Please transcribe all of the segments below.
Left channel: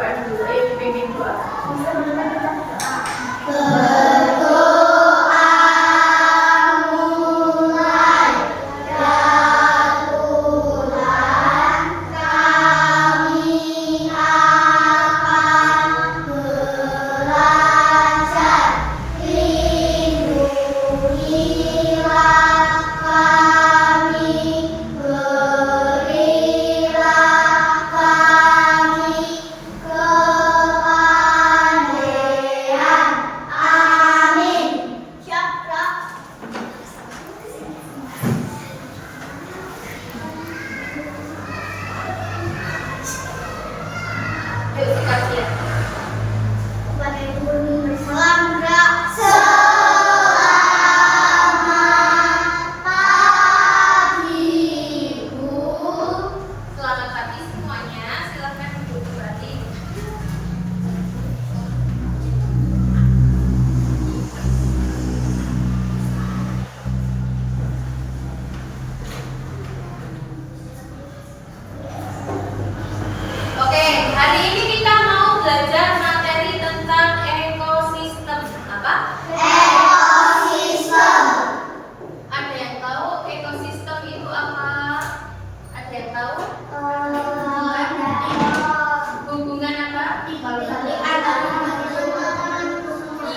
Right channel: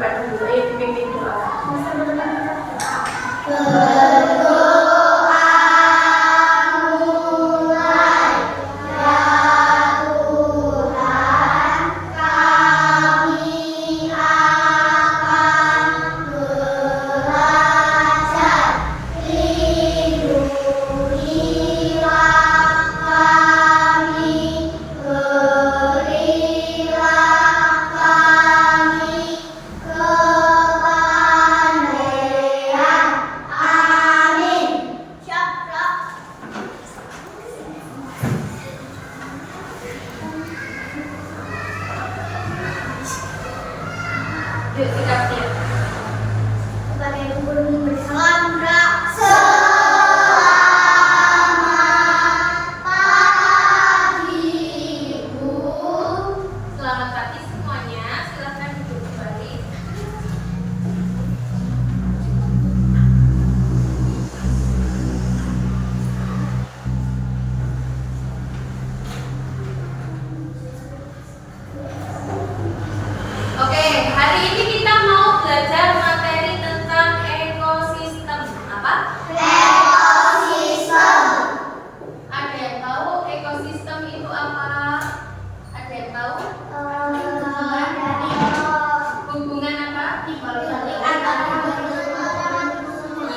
berdoa dulu. Ayo dipimpin doa.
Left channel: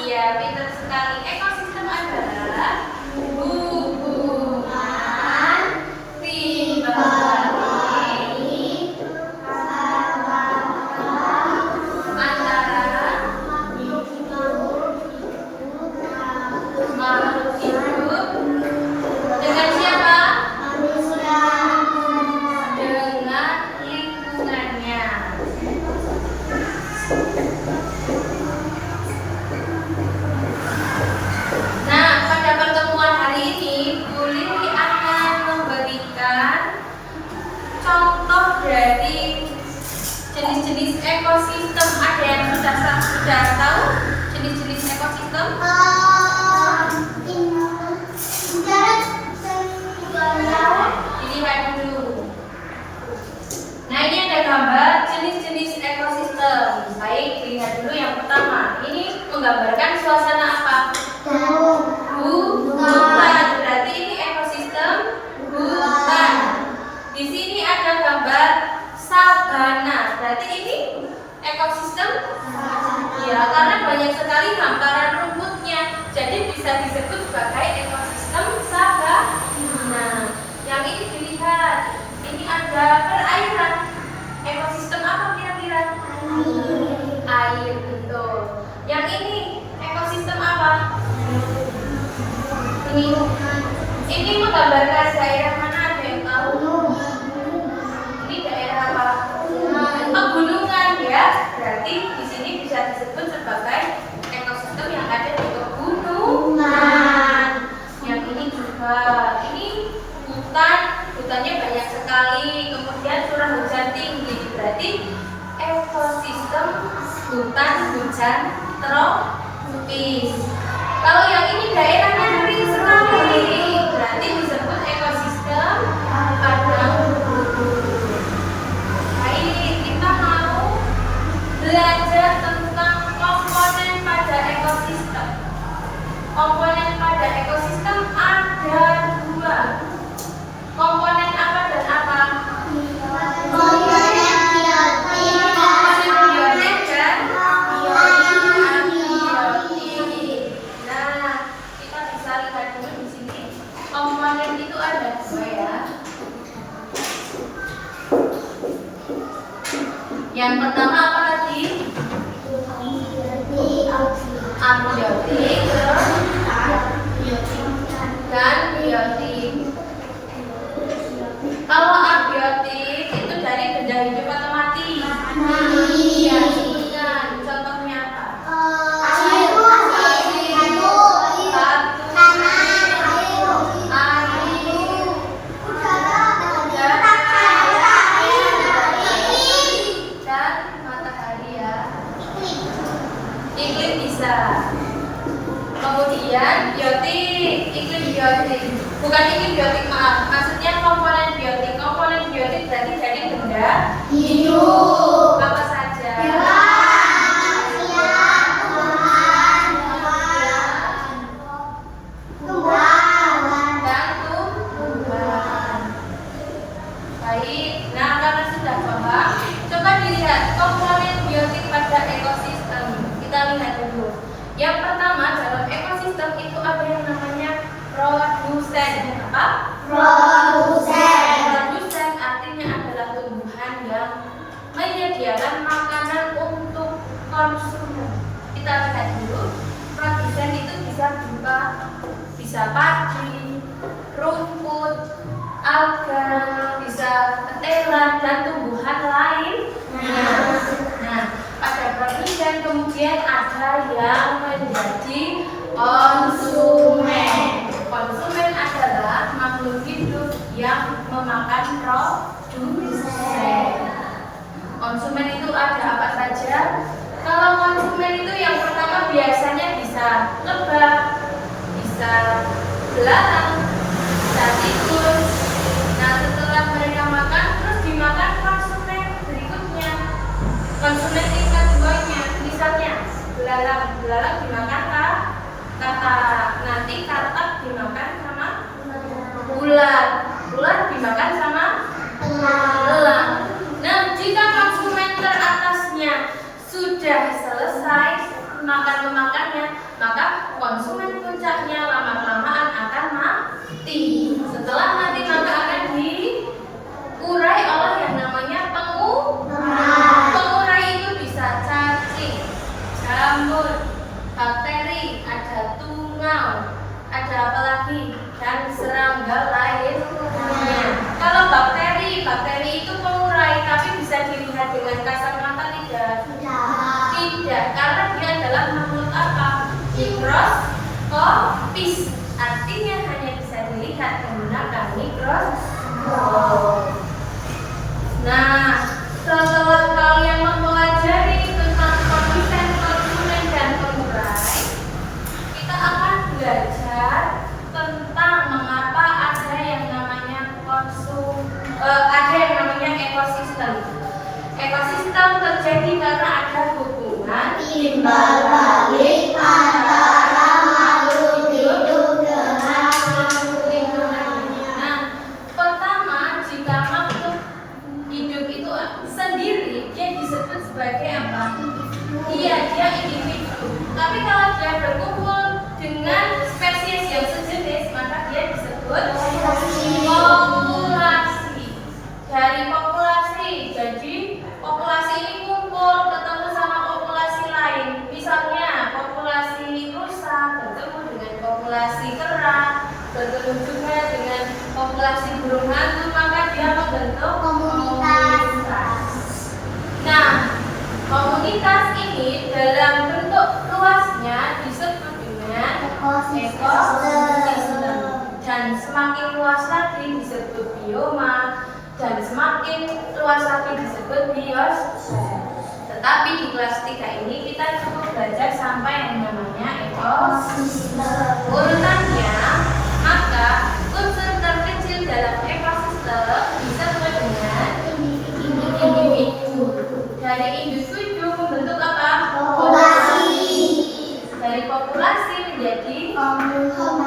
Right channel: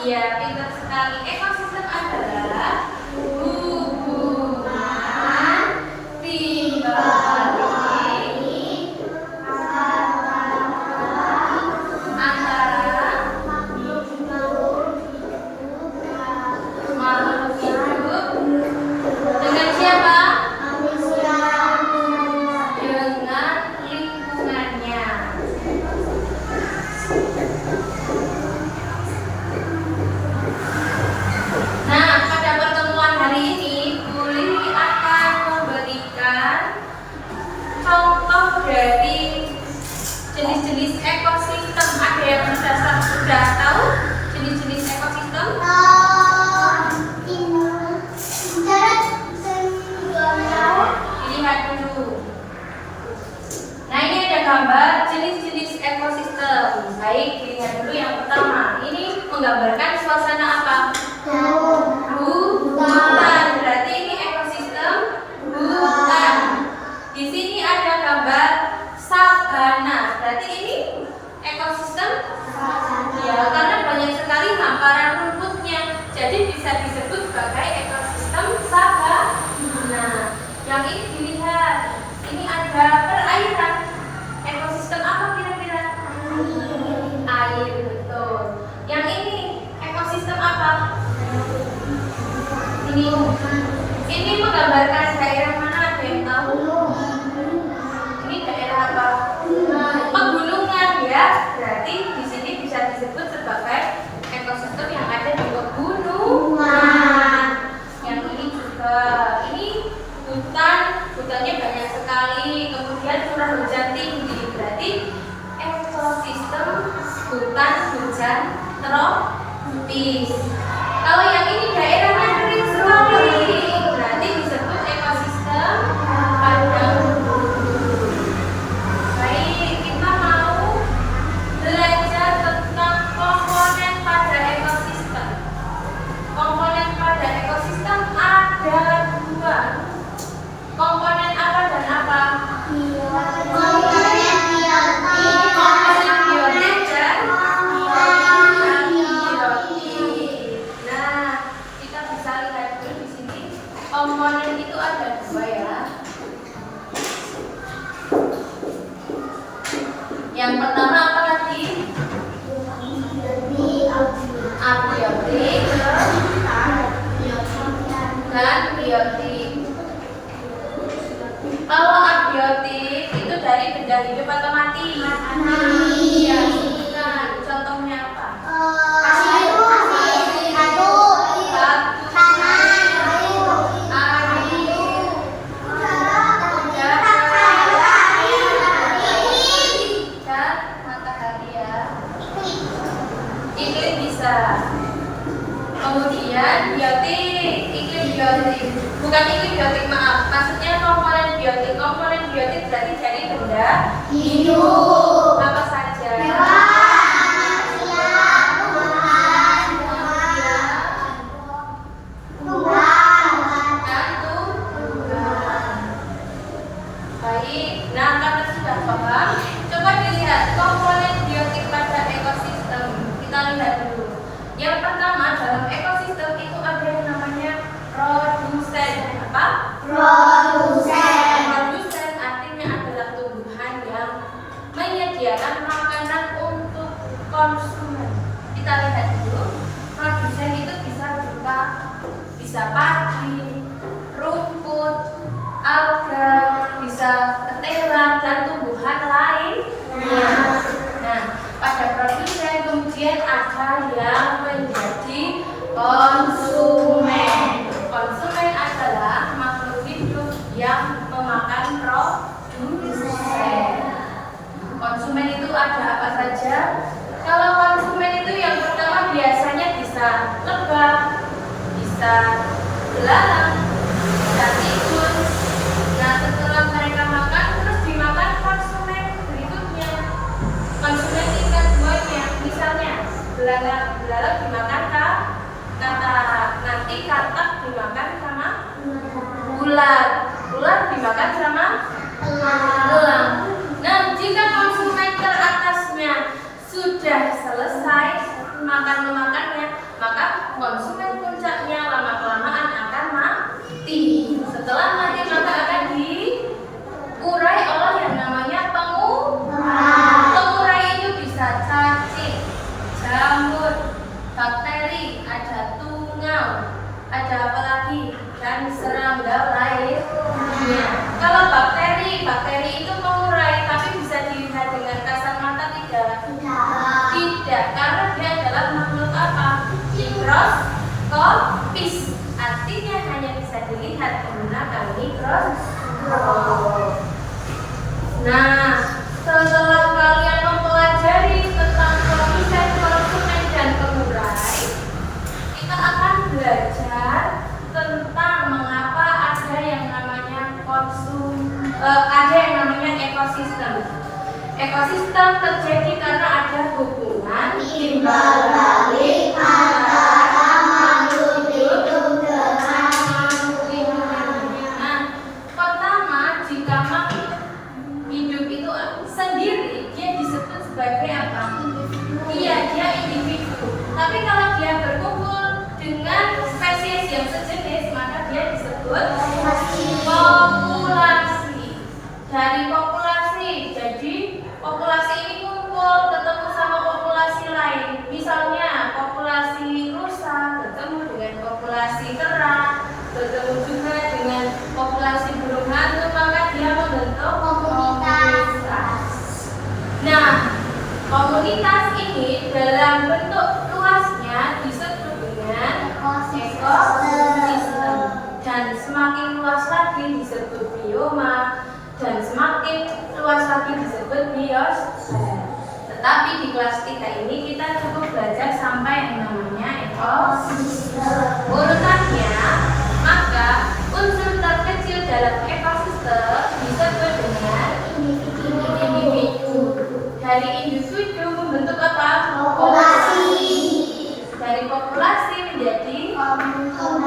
Iya, pintar sekali. Ekosistem adalah hubungan timbal balik antara makhluk hidup dengan siapa? Manusia. Dengan lingkungannya. Jenis-jenis ekosistem, ada yang sudah tahu jenis-jenis ekosistem? Lihat dulu. Nah, ini ada gambar jenis-jenis ekosistem. Baik, lihat dulu yang pertama. Ini menggambarkan suasana apa? Hutan. Berarti ini ekosistem hutan. Di sini ada gambar sabana, berarti ini ekosistem ya, karena banyak sekali hamparan rumputnya, jadi bisa disebut sebagai ekosistem sabana. Yang ini dilihat, ini ada perairan. Ekosistem apa kira-kira? Air, betul. Yang ini ekosistem apa? Ini menggambarkan daerah mana, ada yang tahu? Pegunungan ya, berarti di sini bisa disebut sebagai ekosistem yang ada di pegunungan. Yang ini juga, ini hutannya banyak sekali, kemudian curah hujan tinggi, berarti ekosistem hutan hujan tropis. Kalau yang ini daerahnya kering sekali, berarti disebut ekosistem padang. Belajar tentang komponen pada ekosistem. Komponen pada ekosistem ada dua. Komponen apa dan apa? Komponen biotik dan abiotik. Nah, kita bisa lihat dulu di sini. Komponen itu ada dua ya. Yang pertama apa tadi? Abiotik dan biotik. Kalau abiotik itu dari benda hidup atau mati? Iya, sebutkan. Contohnya apa? Kemudian biotik, iklim biotik. Bukan iklim biotik, maaf. Maksudnya komponen biotik. Komponen biotik berarti dari benda hidup. Apa saja? ketela, dan tumbuhan lainnya. Nah, pada produsen kemudian ada yang menjadi konsumen. Konsumen adalah makhluk hidup yang memakan produsen. Konsumen itu ada apa saja? Kalau konsumen itu yang pertama biasanya bisa lebah, bisa belalang, bisa tikus. Nah, setelah mereka makan terus dimakan konsumen berikutnya. Konsumen tingkat duanya, misalnya belalang dimakan kakak, nanti katak dimakan sama ular dimakan sama elang. Nah, jika konsumen teratasnya sudah selesai memakannya, maka konsumen puncaknya lama-kelamaan akan mati. Setelah mati maka akan diurai oleh yang namanya pengurai. Pengurai itu bisa cacing, jamur, bakteri, ada tungau, ada apa lagi, dan serangga lainnya. Kalau bakteri itu pengurai, tapi bisa dilihat dengan kasat mata tidak? Tidak, karena dia adalah makhluk apa? Mikroskopis. Artinya hanya bisa dilihat menggunakan mikroskop. Nah, setelah kalian mempelajari tentang produsen, konsumen, dan pengurai, kita akan belajar tentang mengapa ada yang namanya ekosistem. Ekosistem terjadi karena ada hubungan timbal balik antara makhluk hidup dengan makhluk lingkungan. Nah, pertama, jika makhluk hidup itu sendiri, dia disebut sebagai apa? Iya, dia individu. Tapi kalau dia berkumpul dengan spesies yang sejenis, maka dia disebut populasi. Dari populasi, jadi populasi ini kumpul ketemu sama populasi lain. Misalnya populasi rusa bertemu dengan populasi kera, bertemu juga dengan populasi burung hantu, maka dia membentuk komunitas. Nah, komunitas ini dalam bentuk luasnya disebut dengan ekosistem, dan semakin luas lagi disebut bioma, dan semakin luas lagi disebut biosfer. Tetapi di kelas 3 ini kita cukup belajar sampai yang namanya ekosistem. Urutannya, maka unsur terkecil dalam ekosistem disebut dengan individu. Dari individu membentuk apa? Populasi. Dari populasi menjadi komunitas.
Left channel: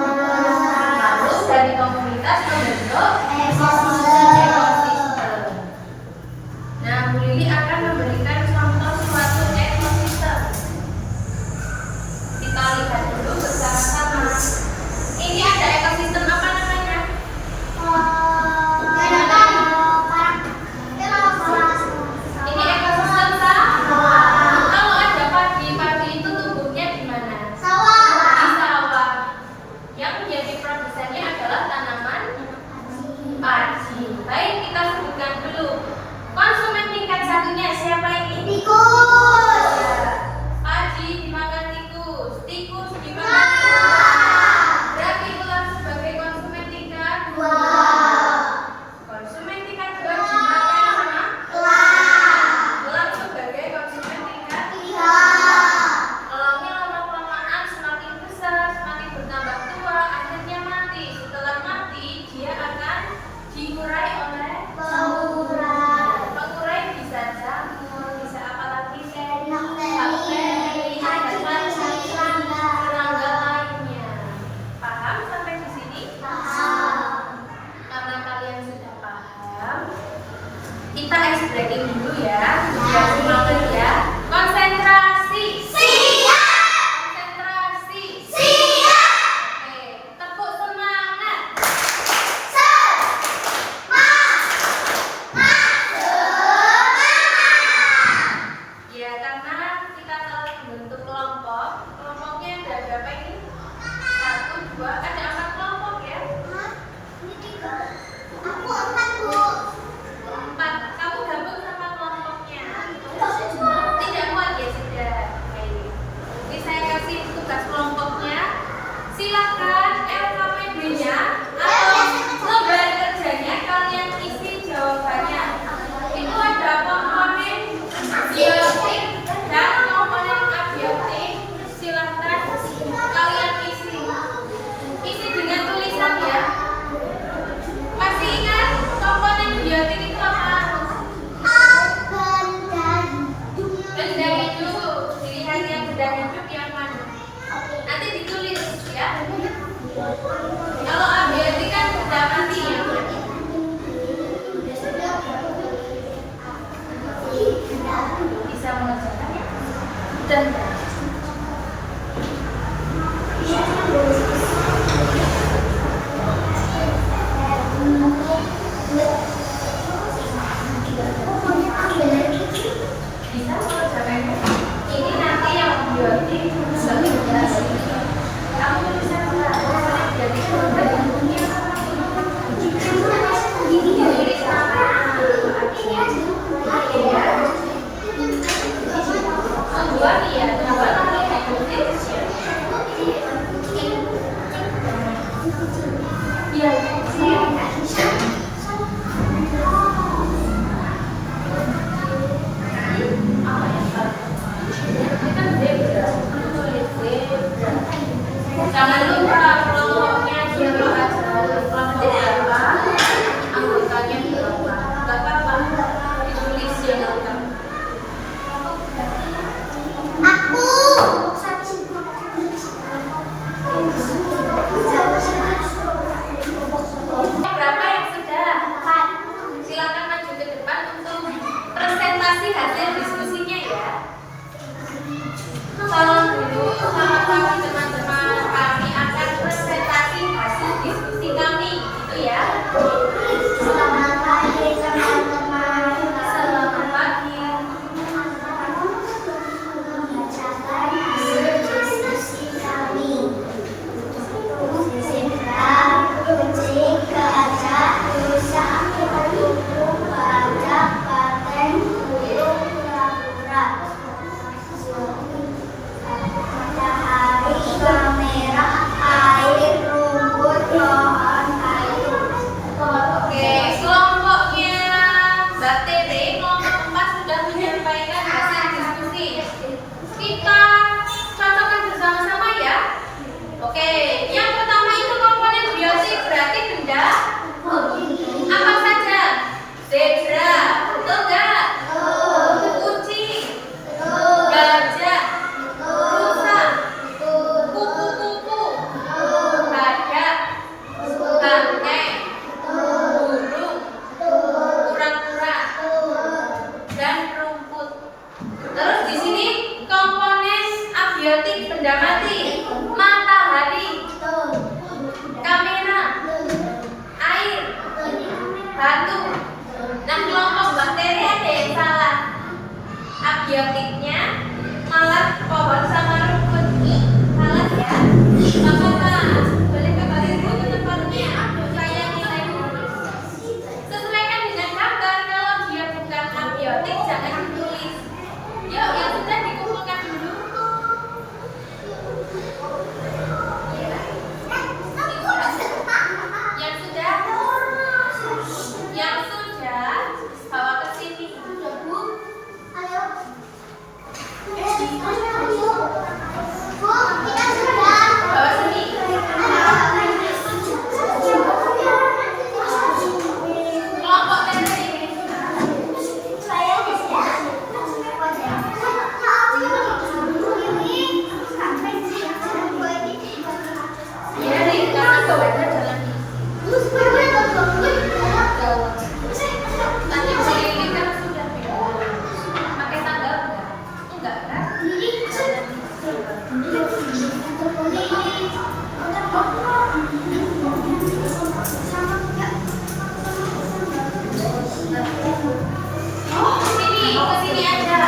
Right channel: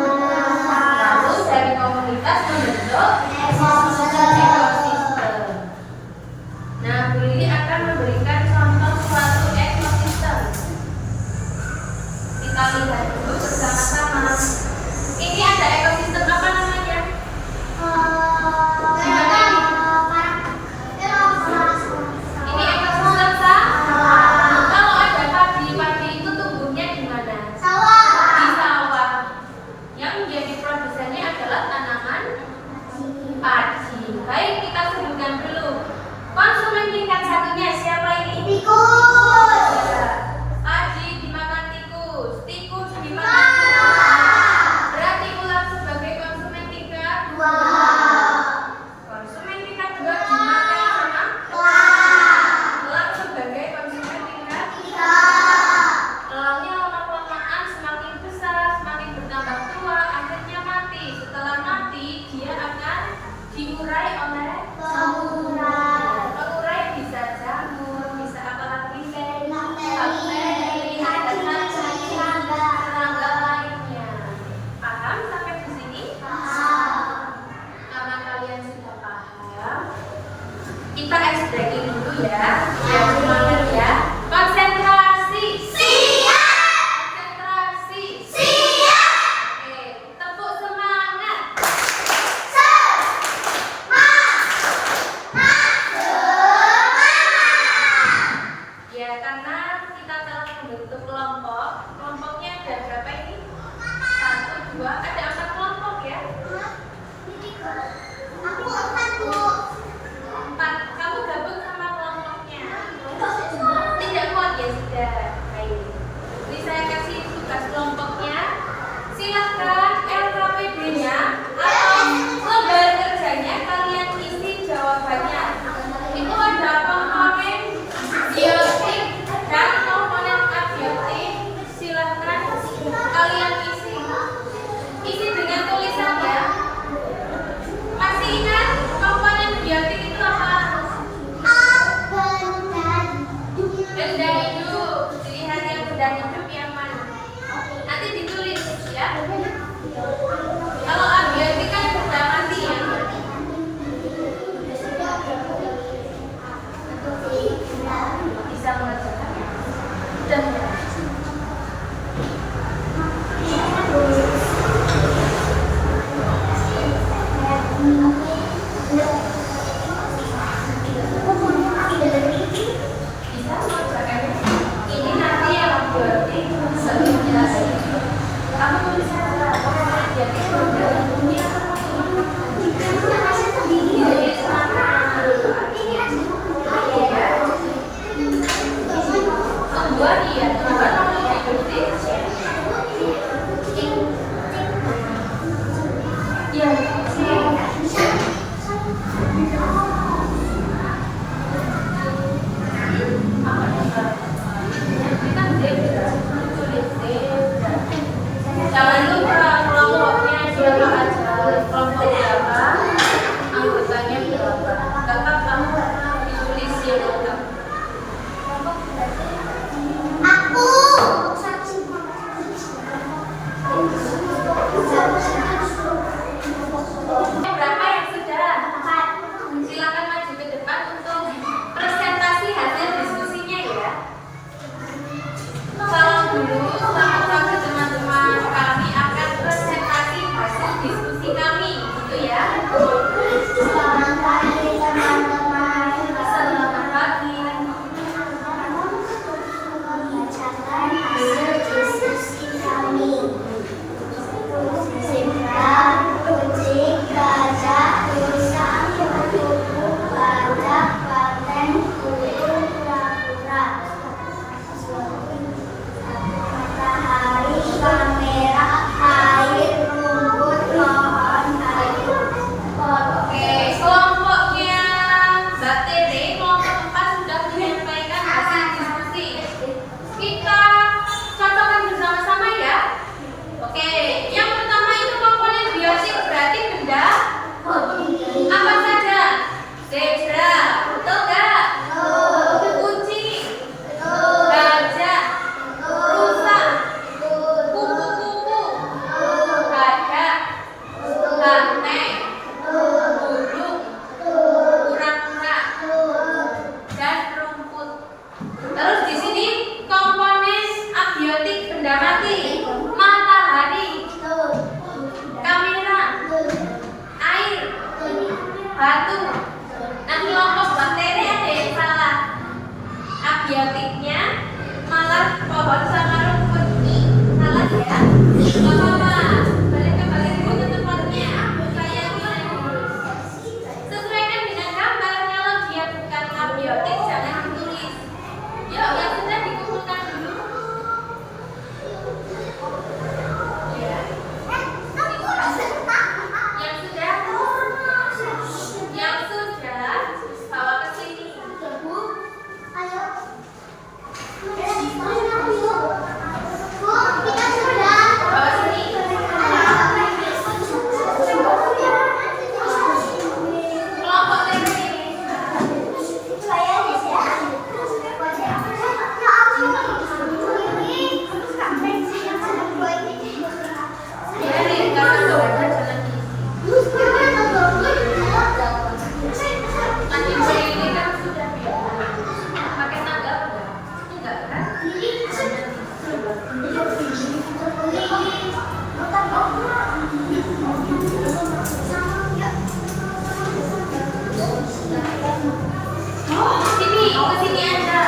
Lalu dari komunitas membentuk ekosistem. Nah, Bu Lili akan memberikan contoh suatu ekosistem. Kita lihat dulu bersama-sama. Ini ada ekosistem apa namanya? Ini ekosistem sawah. Kalau ada padi itu tumbuhnya di mana? Di sawah. Yang menjadi produsennya adalah tanaman padi. Baik, kita sebutkan dulu. Konsumen tingkat satunya siapa ini? Tikus. Padi dimakan tikus. Tikus dimakan tikus. Berarti ular sebagai konsumen tingkat 2. Konsumen tingkat 2 dimakan sama ular sebagai konsumen tingkat 3. Elangnya lama-kelamaan semakin besar, semakin bertambah tua, akhirnya mati. Setelah mati, dia akan diurai oleh pengurai. Bisa jamur, bisa apa lagi? Bakteri, ada serangga lainnya. Paham sampai di sini? Paham. Karena kalian sudah paham, kita ice breaking dulu ya. Biar semangat ya. Konsentrasi. Siap. Konsentrasi. Siap. Oke, tepuk semangat. Ya, karena kita telah membentuk kelompok. Kelompoknya ada berapa ini? 1, 2, ada 4 kelompok ya? Ini 3. Aku 4, Bu. abiotiknya malah pohon sama rumput. Salah ya? Nggak apa-apa. Balik kembali dulu ke tempatnya. Saya nilai dulu. Sesuaikan dengan gambar. Kalau dia bukan abiotik, jangan ditulis. Yuk, yang sudah dikumpulkan dulu. Ya. Yang sudah bawa ke sini. Bawa sini. Kelompok pendek ini. Ya, di kanan sudah ada jalan. Nanti ini kan sudah pakai tangga enggak kan? Sini, ke sini aja.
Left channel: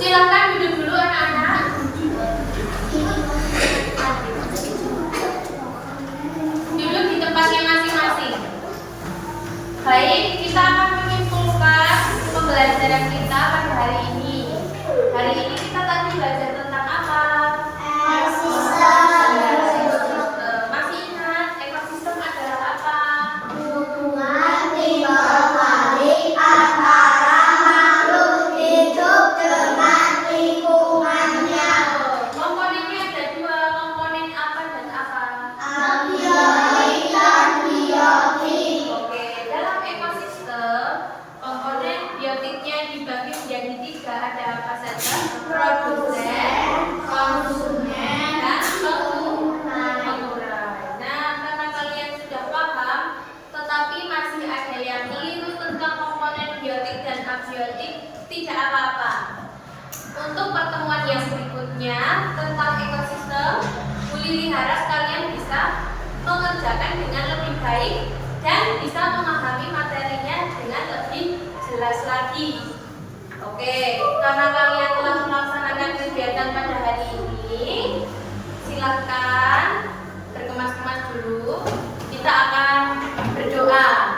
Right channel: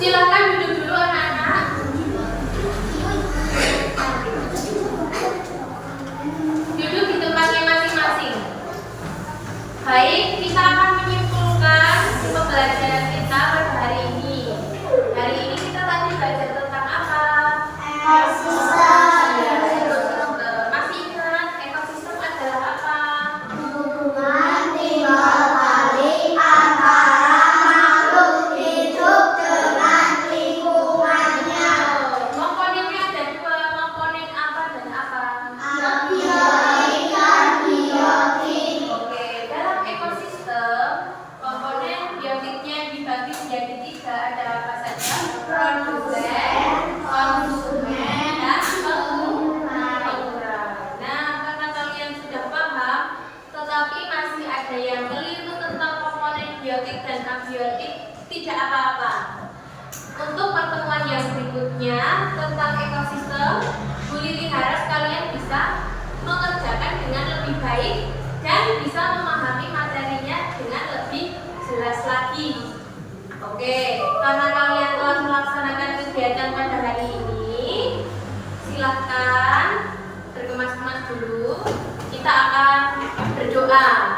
Silakan duduk dulu anak-anak. Duduk di tempatnya masing-masing. Baik, kita akan menyimpulkan pembelajaran kita pada hari ini. Hari ini kita tadi belajar tentang apa? Ekosistem. Masih ingat ekosistem adalah apa? Hubungan timbal-balik antara makhluk hidup dengan lingkungannya. Komponennya ada dua, komponen apa dan apa? Abiotik dan biotik. Oke, dalam ekosistem komponen biotiknya dibagi menjadi tiga, ada apa saja? Produsen, konsumen, dan pengurai. Nah, karena kalian sudah paham, tetapi masih ada yang keliru tentang komponen biotik dan abiotik, tidak apa-apa. Untuk pertemuan yang berikutnya tentang ekosistem, Bu Lili harap kalian bisa mengerjakan dengan lebih baik dan bisa memahami materinya dengan lebih jelas lagi. Oke, karena kalian telah melaksanakan kegiatan pada hari ini, silahkan berkemas-kemas dulu. Kita akan berdoa.